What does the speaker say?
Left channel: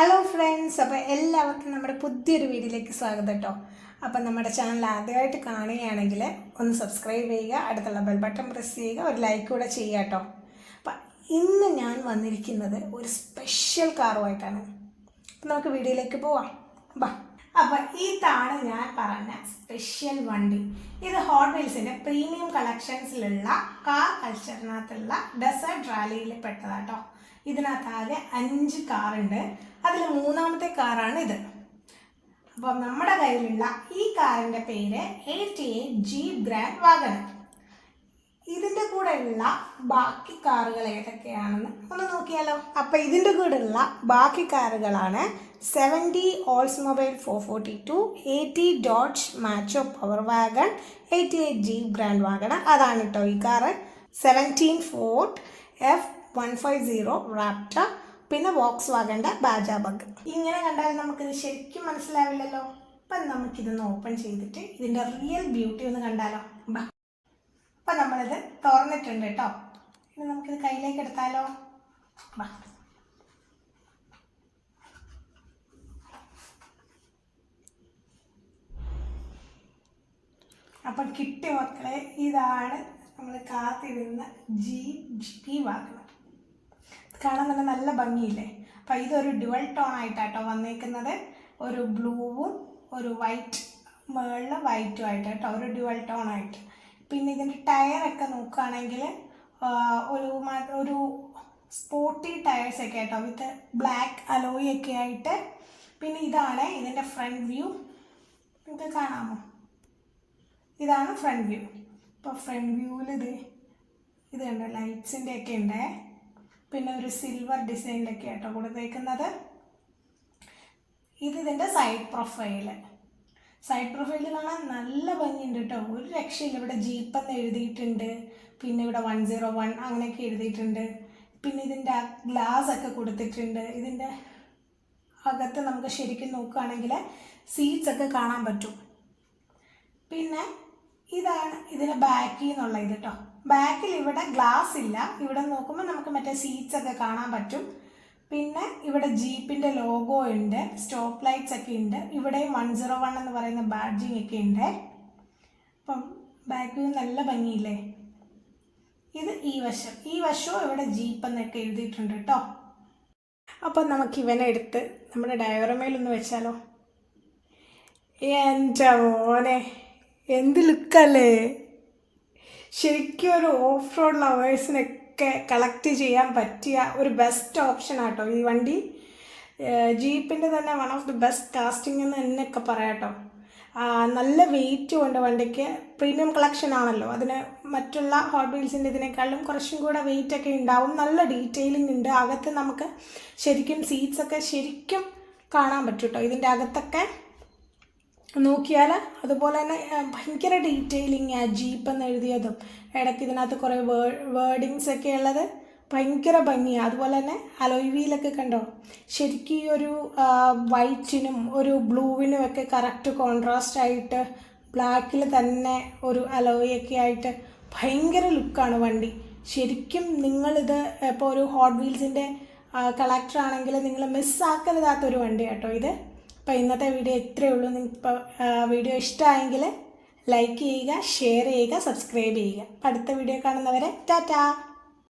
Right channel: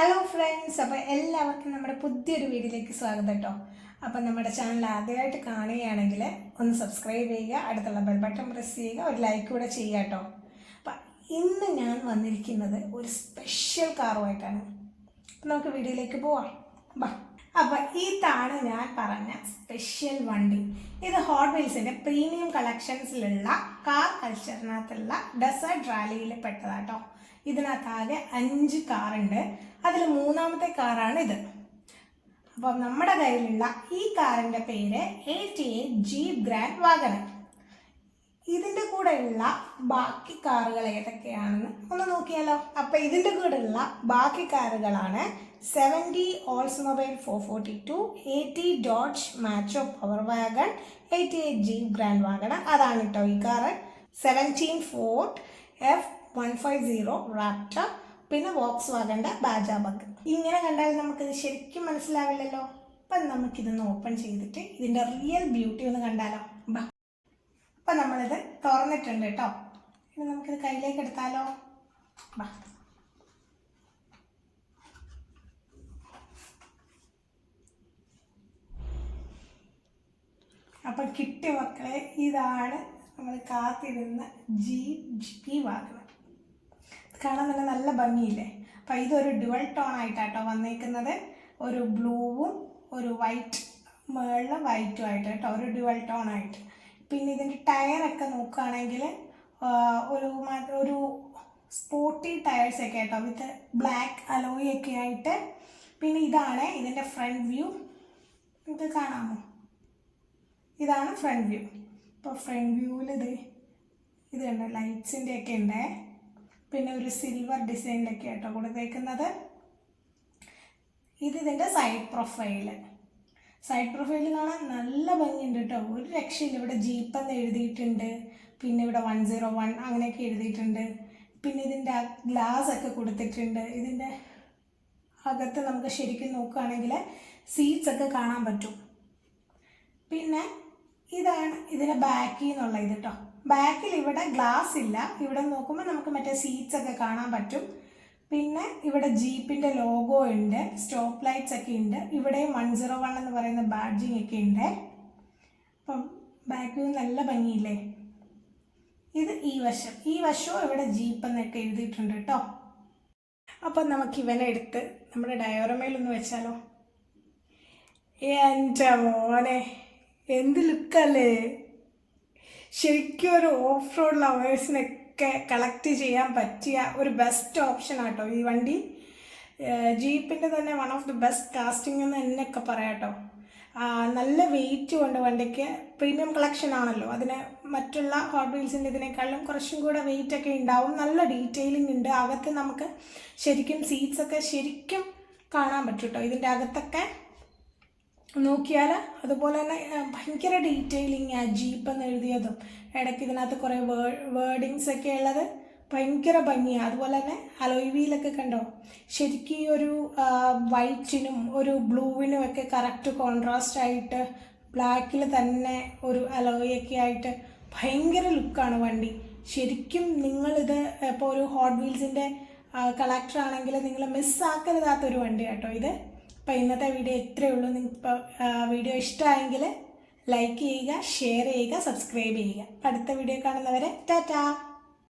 Hello friends, അപ്പോൾ എല്ലാവർക്കും നമ്മുടെ പുതിയൊരു വീഡിയോയിലേക്ക് സ്വാഗതം കേട്ടോ. അപ്പോൾ നമ്മുടെ ചാനൽ ആദ്യമായിട്ട് കാണുകയാണെങ്കിൽ ഒന്ന് സബ്സ്ക്രൈബ് ചെയ്യുക, അടുത്തുള്ള ബെൽ ബട്ടൺ പ്രസ് ചെയ്യുക, ഒരു ലൈക്ക് കൂടെ ചെയ്യുക കേട്ടോ. അപ്പം ഇന്ന് ഞാൻ വന്നിരിക്കുന്നത് ഒരു സ്പെഷ്യൽ കാറുമായിട്ടാണ്. അപ്പം നമുക്ക് വീഡിയോയിലേക്ക് പോവാം. ബാ. അപ്പോൾ ഇതാണ് ഞാൻ പറഞ്ഞ സ്പെഷ്യൽ വണ്ടി. ഇത് ഹോട്ട് വീൽസിൻ്റെ പ്രീമിയം കളക്ഷൻസിലുള്ള കാർ കൾച്ചറിനകത്തുള്ള ഡെസേർട്ട് റാലിയിൽ പെട്ടതാട്ടോ. ഇതിനകത്താകെ 5 കാറുണ്ട്. അതിൽ മൂന്നാമത്തെ കാറാണ് ഇത്. അപ്പോൾ നമ്മുടെ കയ്യിലുള്ള ഈ കാറിൻ്റെ പേര് 88 ജീപ്പ് ഗ്രാൻഡ് വാഗണർ. ഇതിൻ്റെ കൂടെയുള്ള ബാക്കി കാറുകൾ ഏതൊക്കെയാണെന്ന് ഒന്ന് നോക്കിയാലോ. അപ്പോൾ ഇതിൻ്റെ കൂടെയുള്ള ബാക്കി കാറുകളാണ് 70 Oldsmobile 442, 80 Dodge macho power wagon, 88 Jeep Grand Wagoneer. അതാണ് കേട്ടോ ഈ കാറ്. 17 ഫോർഡ് F150 റാപ്റ്റർ, പിന്നെ വോക്സ് വാഗൻ്റെ ബാജ ബഗ്. ഇങ്ങനെ കണ്ടാൽ നമുക്കിത് ശരിക്കും മനസ്സിലാവില്ലല്ലോ. അപ്പം നമുക്കിതൊന്ന് ഓപ്പൺ ചെയ്തിട്ട് ഇതിൻ്റെ റിയൽ ബ്യൂട്ടി ഒന്ന് കണ്ടാലോ. അപ്പം നമ്മളിത് തുറന്നിട്ടുണ്ട് കേട്ടോ. ഇനി നമുക്കിത് കയ്യിലേക്ക് എടുത്താലോ. അപ്പം കിട്ടിയ മക്കളെ, ഇതാണ് നമ്മൾ കാത്തിരുന്ന ജീപ്പ് വാഗണർ. കാണാൻ തന്നെ നല്ല ഭംഗിയില്ലേ. അപ്പം ഇതൊരു ഡുവൽ ടോൺ ആയിട്ടാട്ടോ വന്നേക്കുന്നത്. ഒരു ബ്ലൂവും ഒരു വൈറ്റ്, മുകളിൽ വൈറ്റും ആയിട്ട് കേട്ടോ, ഒരു ഡുവൽ ടോൺ ആയിട്ട്. പിന്നെ ഇതിൻ്റെ ടയറൊക്കെ നോക്കുകയാണെങ്കിൽ ഒരു സ്പോർട്ടി ടയേഴ്സൊക്കെ ആയിട്ടോ, വിത്ത് ബ്ലാക്ക് അലോയി ഒക്കെ ആയിട്ട്. പിന്നെ ഇതാണ് ഇതിൻ്റെ ഫ്രണ്ട് വ്യൂ. ഇത് കാണാമോ? ഇതാണ് ഫ്രണ്ട് വ്യൂ. ഇപ്പോൾ ഫ്രണ്ട് വ്യൂവിൽ ഇത് ഉണ്ട്, ലൈറ്റ്സിൻ്റെ ഒക്കെ ഉണ്ട്. പിന്നെ ഒരു സിൽവർ ഡിസൈനിലൊക്കെ ആയിട്ടോ കൊടുത്തേക്കുന്നത്. ഇതിൻ്റെ സൈഡ് പ്രൊഫൈല് കാണാൻ നല്ല ഭംഗിയുണ്ട് കേട്ടോ, ഒരു രക്ഷയില്ല. ഇവിടെ ജീപ്പ് എന്ന് എഴുതിയിട്ടുണ്ട്, പിന്നെ ഇവിടെ 101 അങ്ങനെയൊക്കെ എഴുതിയിട്ടുണ്ട്. പിന്നെ ഇതിൻ്റെ ഗ്ലാസ് ഒക്കെ കൊടുത്തിട്ടുണ്ട്. ഇതിൻ്റെ അകത്ത് നമുക്ക് ശരിക്കും നോക്കുകയാണെങ്കിൽ സീറ്റ്സ് ഒക്കെ കാണാൻ പറ്റും. പിന്നെ ഇതാണ് ഇതിൻ്റെ ബാക്കിൽ നിന്നുള്ള ഇത് കേട്ടോ. ബാക്കിൽ ഇവിടെ ഗ്ലാസ് ഇല്ല. ഇവിടെ നോക്കുമ്പോൾ നമുക്ക് മറ്റേ സീറ്റ്സ് ഒക്കെ കാണാൻ പറ്റും. പിന്നെ ഇവിടെ ജീപ്പിൻ്റെ ലോഗോ ഉണ്ട്, സ്റ്റോപ്പ് ലൈറ്റ്സ് ഒക്കെ ഉണ്ട്. ഇവിടെ 101 എന്ന് പറയുന്ന ബാഡ്ജിങ് ഒക്കെ ഉണ്ട്. അപ്പം ബാക്കിൽ നല്ല ഭംഗിയില്ലേ. ഇത് ഈ വശവും ഇവിടെ ജീപ്പ് എന്നൊക്കെ എഴുതിയിട്ടുണ്ട് കേട്ടോ. അപ്പം നമുക്ക് ഇവനെ എടുത്ത് നമ്മുടെ ഡയോറമയിലൊന്ന് വെച്ചാലോ. എൻ്റെ മോനെ, എന്ത് ലുക്കല്ലേ. ശരിക്കും ഒരു ഓഫ് റോഡ് ലവേഴ്സിനൊക്കെ കളക്ട് ചെയ്യാൻ പറ്റിയ ഒരു ബെസ്റ്റ് ഓപ്ഷൻ ആട്ടോ ഈ വണ്ടി. ജീപ്പിൻ്റെ തന്നെ one of the best casting എന്ന് എന്നൊക്കെ പറയാം കേട്ടോ. നല്ല വെയിറ്റും ഉണ്ട് വണ്ടിക്ക്. പ്രീമിയം കളക്ഷൻ ആണല്ലോ, അതിന് മറ്റുള്ള ഹോട്ട് വീൽസിൻ്റെ ഇതിനേക്കാളും കുറച്ചും കൂടെ വെയിറ്റ് ഒക്കെ ഉണ്ടാവും. നല്ല ഡീറ്റെയിലിംഗ് ഉണ്ട്. അകത്ത് നമുക്ക് ശരിക്കും സീറ്റ്സൊക്കെ ശരിക്കും കാണാൻ പറ്റും കേട്ടോ. ഇതിൻ്റെ അകത്തൊക്കെ നോക്കിയാൽ അതുപോലെ തന്നെ ഭയങ്കര ഡീറ്റെയിലിങ്. ആ ജീപ്പ് എന്ന് എഴുതിയതും ഇടയ്ക്ക് ഇതിനകത്ത് കുറേ വേർഡിങ്സ് ഒക്കെ ഉള്ളത് ഭയങ്കര ഭംഗിയാണ്. അതുപോലെ തന്നെ അലോയ് വീലൊക്കെ കണ്ടോ, ശരിക്കും ഈ ഒരു വൈറ്റിനും ഒരു ബ്ലൂവിനും ഒക്കെ കറക്റ്റ് കോൺട്രാസ്റ്റ് ആയിട്ട് ബ്ലാക്കിൽ തന്നെ ഒരു അലോയൊക്കെ ആയിട്ട് ഭയങ്കര ലുക്കാണ് വണ്ടി. ശരിക്കും നിങ്ങളിത് ഇപ്പോൾ ഒരു ഹോട്ട് വീൽസിൻ്റെ കളക്ടർ ആണെങ്കിൽ നിങ്ങൾ മിസ്സാക്കരുതാത്തൊരു വണ്ടി കേട്ടോ ഇത്. അപ്പോൾ ഇന്നത്തെ വീഡിയോ ഇത്രയേ ഉള്ളൂ. നിങ്ങൾക്ക് വീഡിയോ ഇഷ്ടമായെങ്കിൽ ലൈക്ക് ചെയ്യുക, ഷെയർ ചെയ്യുക, സബ്സ്ക്രൈബ് ചെയ്യുക. അടുത്ത വീഡിയോ കാണുന്നവരെ ടാറ്റാ.